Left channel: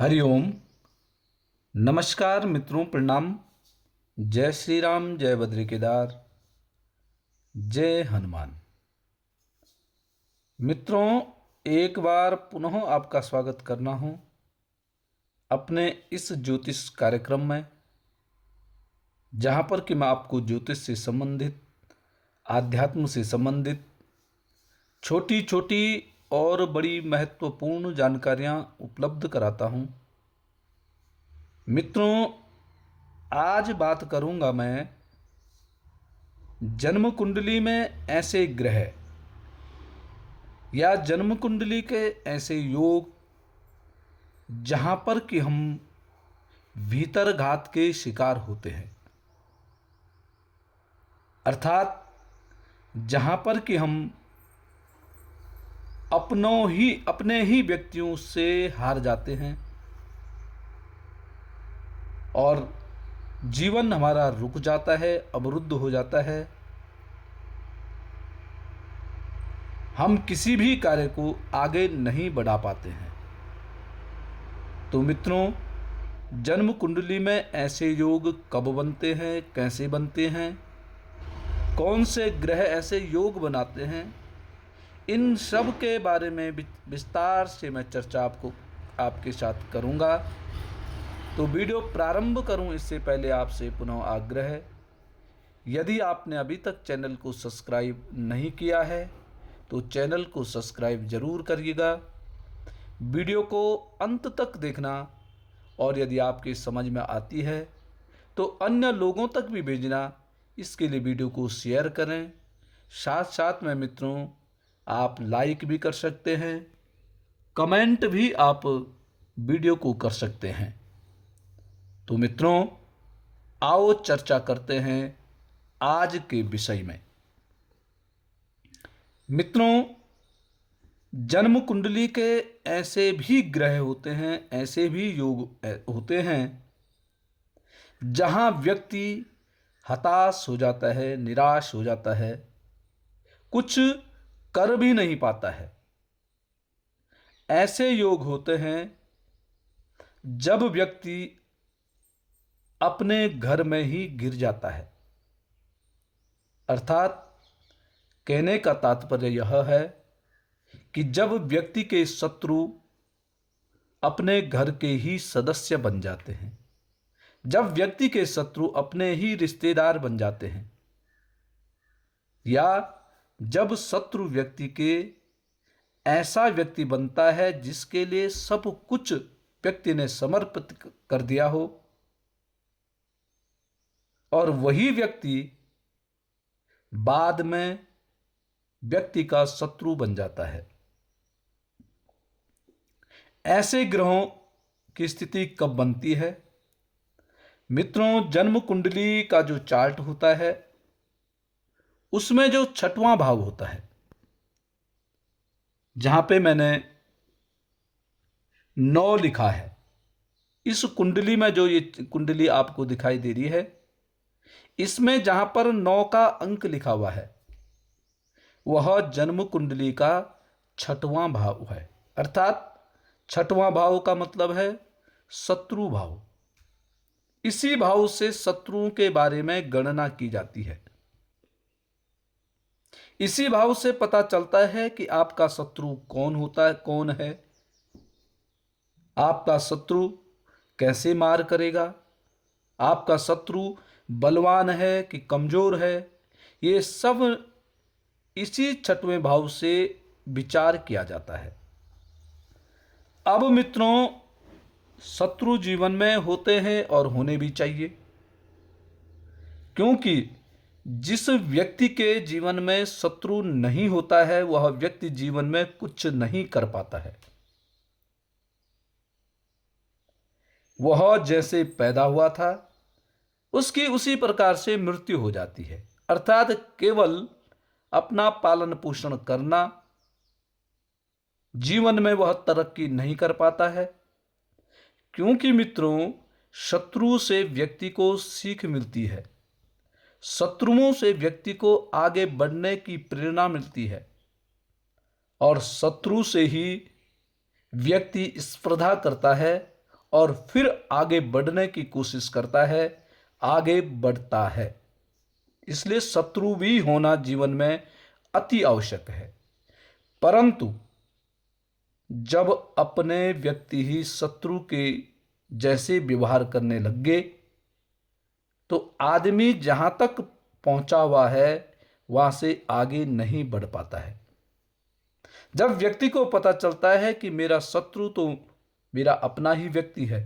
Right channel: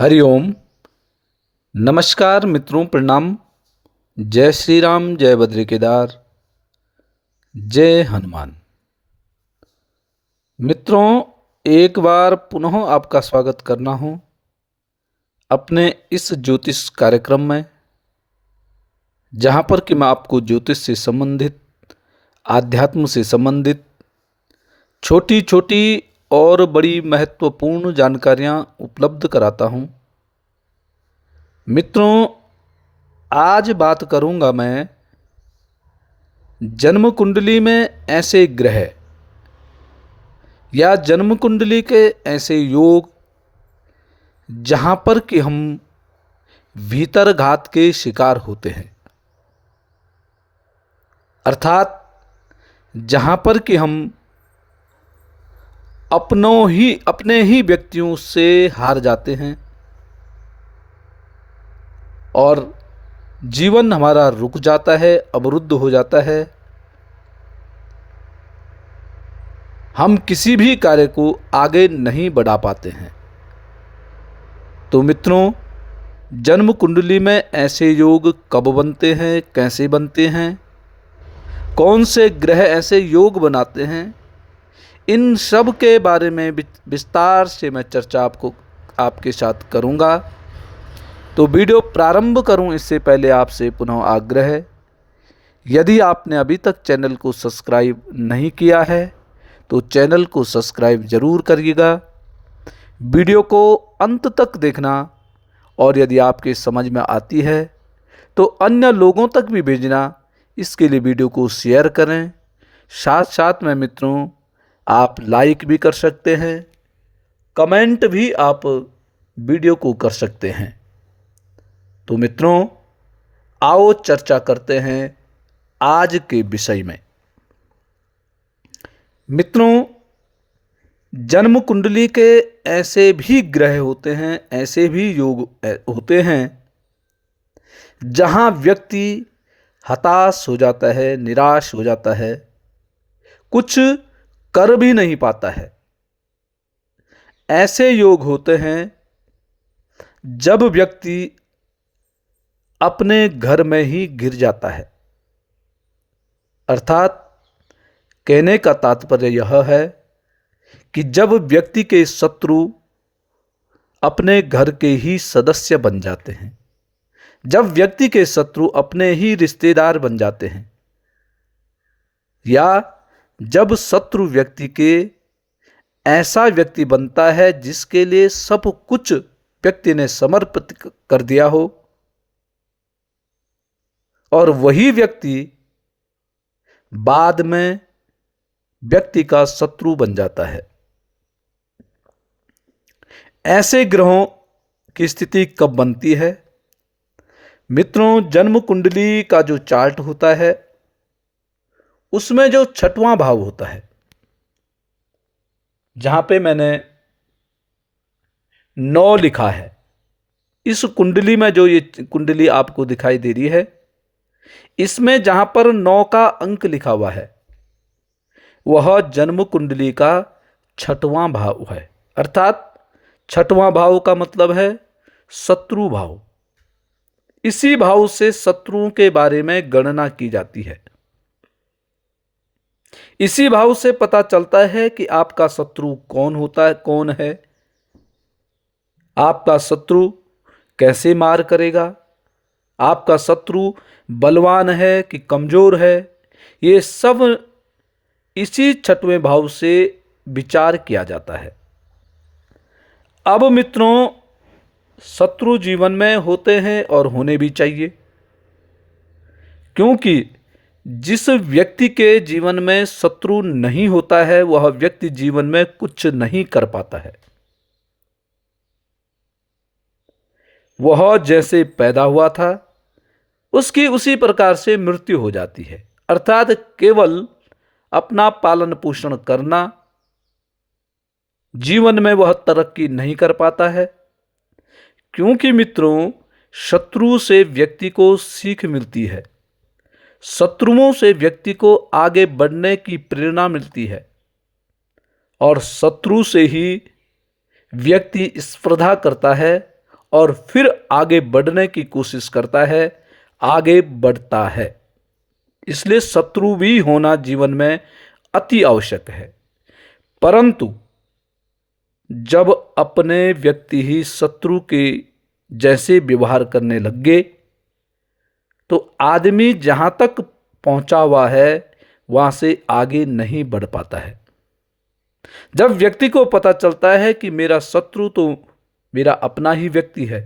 हरिओम। नमस्कार मित्रों, प्रणाम। जय श्री राम, जय बद्री केदार, जय हनुमान। मित्रों, एक बार पुनः आपका स्वागत करना हूं अपने इस ज्योतिष कार्यक्रम में, जहां पर कि मैं आपको ज्योतिष से संबंधित, आध्यात्म से संबंधित छोटी छोटी और बड़ी महत्वपूर्ण जानकारियां उपलब्ध कराता हूं। मित्रों, आज बात करूंगा मैं जन्म कुंडली में ऐसे ग्रह या जन्म कुंडली के ऐसे योग जहां पर कि हम भीतर घात के शिकार होते हैं, अर्थात जहां पर कि हम अपने ही व्यक्तियों से हार जाते हैं और जीवन हमारा रुक जाता है, अवरुद्ध हो जाता है। हम किसी भी कार्य को आगे नहीं बढ़ा पाते हैं। तो मित्रों, जन्म कुंडली में ऐसे योग कब बनते हैं, कैसे बनते हैं, कौन से ग्रह ऐसे योग बनाते हैं, इन सब के बारे में विस्तार से मैं चर्चा आपके साथ करूंगा। तो वीडियो प्रारंभ करूं इससे पहले आपसे पुनः आग्रह है, यदि आपने अभी तक चैनल को सब्सक्राइब नहीं किया है तो चैनल को सब्सक्राइब जरूर करिएगा। वीडियो को अंत तक देखना और यदि आपके समझ में आती है तो अन्य लोगों तक भी भेजना। इसके लिए वीडियो को शेयर करें। साथ साथ में मित्रों, आप लाइक भी कर सकते हैं, कमेंट भी आप वीडियो को कर सकते हैं। तो मित्रों, आओ चर्चा करते हैं आज के विषय में। मित्रों, जन्म कुंडली के ऐसे भी ग्रह होते हैं, ऐसे भी योग होते हैं जहां व्यक्ति हताश हो जाता है, निराश हो जाता है, कुछ कर भी नहीं पाता है। ऐसे योग होते हैं जब व्यक्ति अपने घर में ही गिर जाता है। अर्थात कहने का तात्पर्य यह है कि जब व्यक्ति के शत्रु अपने घर के ही सदस्य बन जाते हैं, जब व्यक्ति के शत्रु अपने ही रिश्तेदार बन जाते हैं, या जब शत्रु व्यक्ति के ऐसा व्यक्ति बनता है जिसके लिए सब कुछ व्यक्ति ने समर्पित कर दिया हो और वही व्यक्ति बाद में व्यक्ति का शत्रु बन जाता है। ऐसे ग्रहों की स्थिति कब बनती है? मित्रों, जन्म कुंडली का जो चार्ट होता है उसमें जो छठवां भाव होता है, जहां पे मैंने 9 लिखा है, इस कुंडली में जो ये कुंडली आपको दिखाई दे रही है, इसमें जहां पर 9 का अंक लिखा हुआ है वह जन्म कुंडली का छठवां भाव है। अर्थात छठवां भाव का मतलब है शत्रु भाव। इसी भाव से शत्रुओं के बारे में गणना की जाती है। इसी भाव से पता चलता है कि आपका शत्रु कौन होता है, कौन है, आपका शत्रु कैसे मार करेगा, आपका शत्रु बलवान है कि कमजोर है। ये सब इसी छठवें भाव से विचार किया जाता है। अब मित्रों, शत्रु जीवन में होते हैं और होने भी चाहिए, क्योंकि जिस व्यक्ति के जीवन में शत्रु नहीं होता है वह व्यक्ति जीवन में कुछ नहीं कर पाता है। वह जैसे पैदा हुआ था उसकी उसी प्रकार से मृत्यु हो जाती है। अर्थात केवल अपना पालन पोषण करना, जीवन में वह तरक्की नहीं कर पाता है। क्योंकि मित्रों, शत्रु से व्यक्ति को सीख मिलती है, शत्रुओं से व्यक्ति को आगे बढ़ने की प्रेरणा मिलती है और शत्रु से ही व्यक्ति स्पर्धा करता है और फिर आगे बढ़ने की कोशिश करता है, आगे बढ़ता है। इसलिए शत्रु भी होना जीवन में अति आवश्यक है। परंतु जब अपने व्यक्ति ही शत्रु के जैसे व्यवहार करने लग गए तो आदमी जहां तक पहुंचा हुआ है वहां से आगे नहीं बढ़ पाता है। जब व्यक्ति को पता चलता है कि मेरा शत्रु तो मेरा अपना ही व्यक्ति है,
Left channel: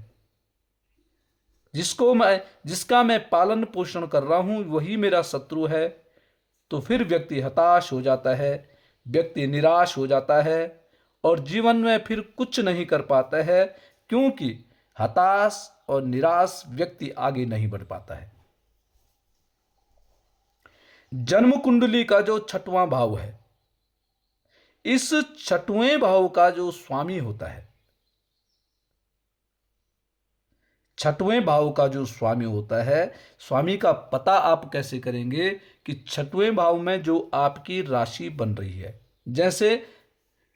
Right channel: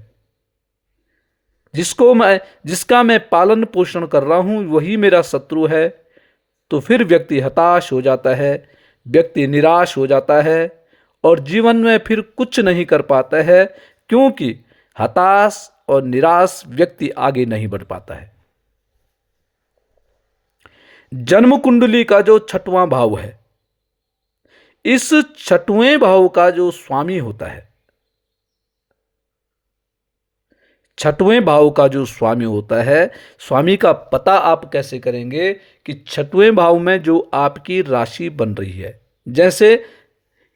जिसका मैं पालन पोषण कर रहा हूं वही मेरा शत्रु है, तो फिर व्यक्ति हताश हो जाता है, व्यक्ति निराश हो जाता है और जीवन में फिर कुछ नहीं कर पाता है, क्योंकि हताश और निराश व्यक्ति आगे नहीं बढ़ पाता है। जन्म कुंडली का जो 6वां भाव है, इस 6वें भाव का जो स्वामी होता है, 6वें भाव का जो स्वामी होता है, स्वामी का पता आप कैसे करेंगे कि 6वें भाव में जो आपकी राशि बन रही है। जैसे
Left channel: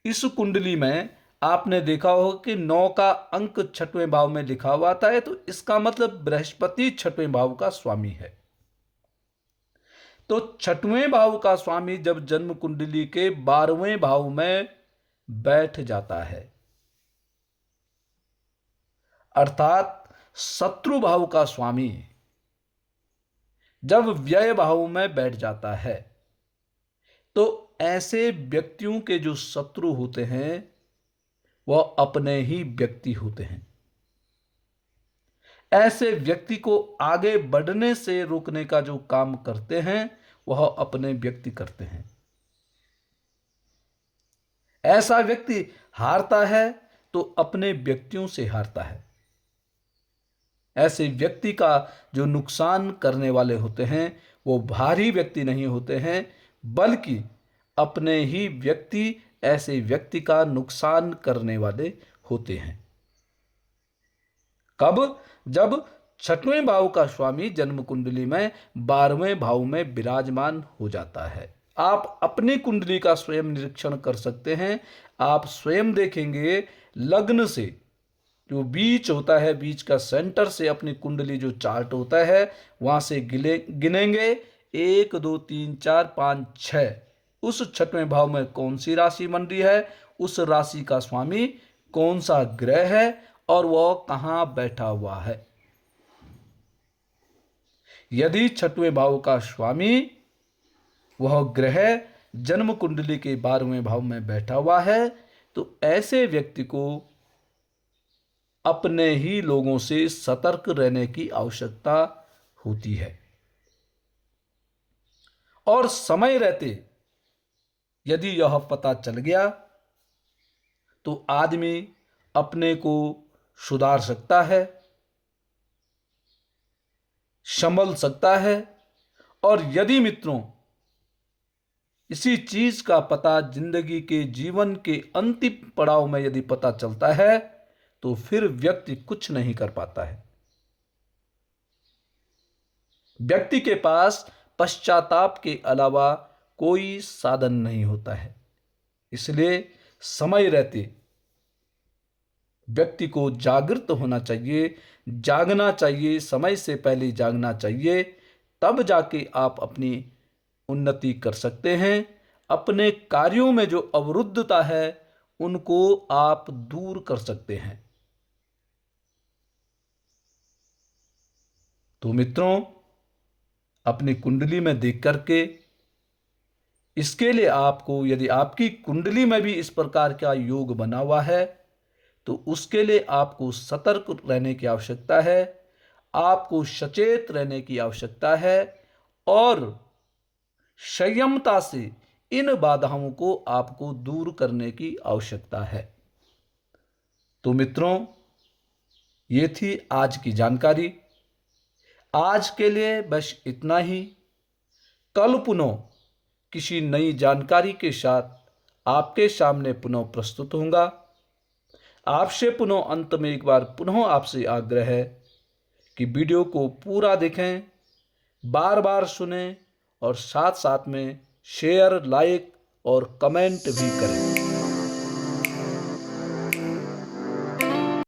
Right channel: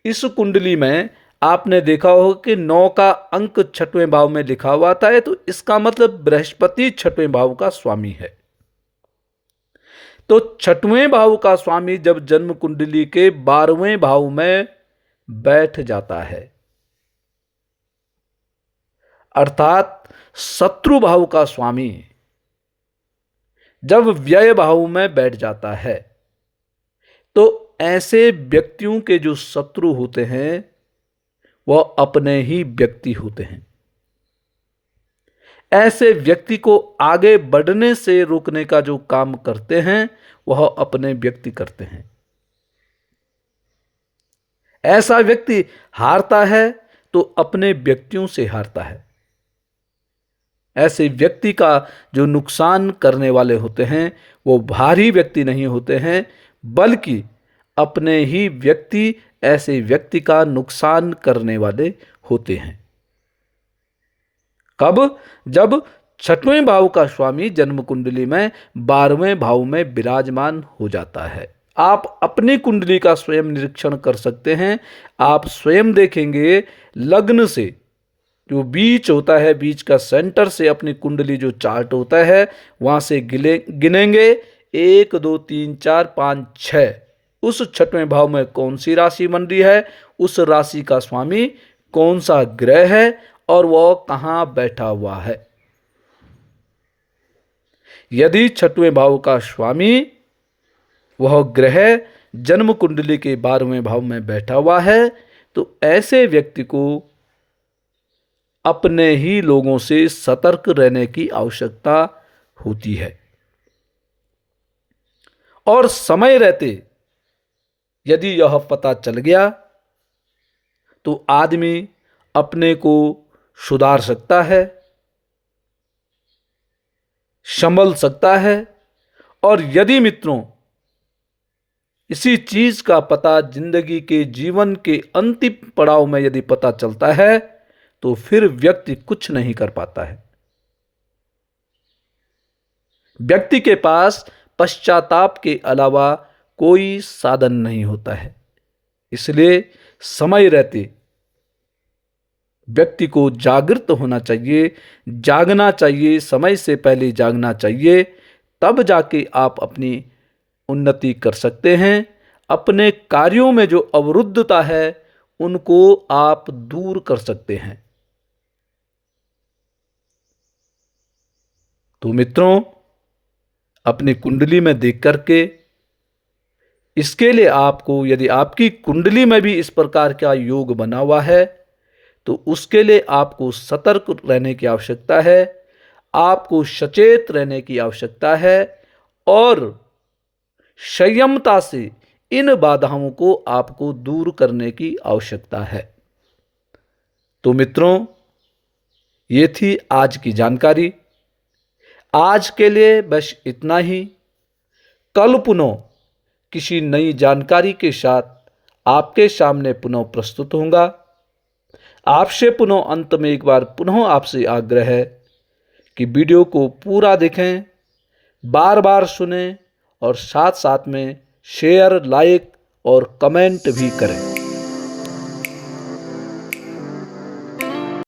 इस कुंडली में आपने देखा होगा कि 9 का अंक 6वें भाव में लिखा हुआ था, है तो इसका मतलब बृहस्पति 6वें भाव का स्वामी है। तो 6वें भाव का स्वामी जब जन्म कुंडली के 12वें भाव में बैठ जाता है, अर्थात शत्रु भाव का स्वामी जब व्यय भाव में बैठ जाता है, तो ऐसे व्यक्तियों के जो शत्रु होते हैं वह अपने ही व्यक्ति होते हैं। ऐसे व्यक्ति को आगे बढ़ने से रोकने का जो काम करते हैं वह अपने व्यक्ति करते हैं। ऐसा व्यक्ति हारता है तो अपने व्यक्तियों से हारता है। ऐसे व्यक्ति का जो नुकसान करने वाले होते हैं वो बाहरी व्यक्ति नहीं होते हैं, बल्कि अपने ही व्यक्ति ऐसे व्यक्ति का नुकसान करने वाले होते हैं। कब? जब 6वें भाव का स्वामी जन्म कुंडली में 12वें भाव में विराजमान हो जाता है। आप अपनी कुंडली का स्वयं निरीक्षण कर सकते हैं। आप स्वयं देखेंगे लग्न से जो बीच होता है, बीच का सेंटर से अपनी कुंडली जो चार्ट होता है वहां से गिनेंगे 1 2 3 4 5 6, उस 6वें भाव में कौन सी राशि बन रही है, उस राशि का स्वामी कौन सा ग्रह है और वह कहां बैठा हुआ है। यदि 6वें भाव का स्वामी वह ग्रह जन्म कुंडली के 12वें भाव में बैठा हुआ है तो ऐसे व्यक्ति को अपने ही लोगों से सतर्क रहने की आवश्यकता होती है। और समय रहते यदि यह पता चल गया तो आदमी अपने को सुधार सकता है, संभल सकता है। और यदि मित्रों इसी चीज का पता जिंदगी के जीवन के अंतिम पड़ाव में यदि पता चलता है तो फिर व्यक्ति कुछ नहीं कर पाता है। व्यक्ति के पास पश्चाताप के अलावा कोई साधन नहीं होता है। इसलिए समय रहते व्यक्ति को जागृत होना चाहिए, जागना चाहिए, समय से पहले जागना चाहिए, तब जाके आप अपनी उन्नति कर सकते हैं। अपने कार्यों में जो अवरुद्धता है उनको आप दूर कर सकते हैं। तो मित्रों अपनी कुंडली में देख करके इसके लिए आपको, यदि आपकी कुंडली में भी इस प्रकार का योग बना हुआ है तो उसके लिए आपको सतर्क रहने की आवश्यकता है, आपको सचेत रहने की आवश्यकता है और संयमता से इन बाधाओं को आपको दूर करने की आवश्यकता है। तो मित्रों ये थी आज की जानकारी। आज के लिए बस इतना ही। कल पुनः किसी नई जानकारी के साथ आपके सामने पुनः प्रस्तुत होऊंगा। आपसे पुनः अंत में एक बार पुनः आपसे आग्रह है कि वीडियो को पूरा देखें, बार बार सुनें और साथ साथ में शेयर, लाइक और कमेंट भी करें।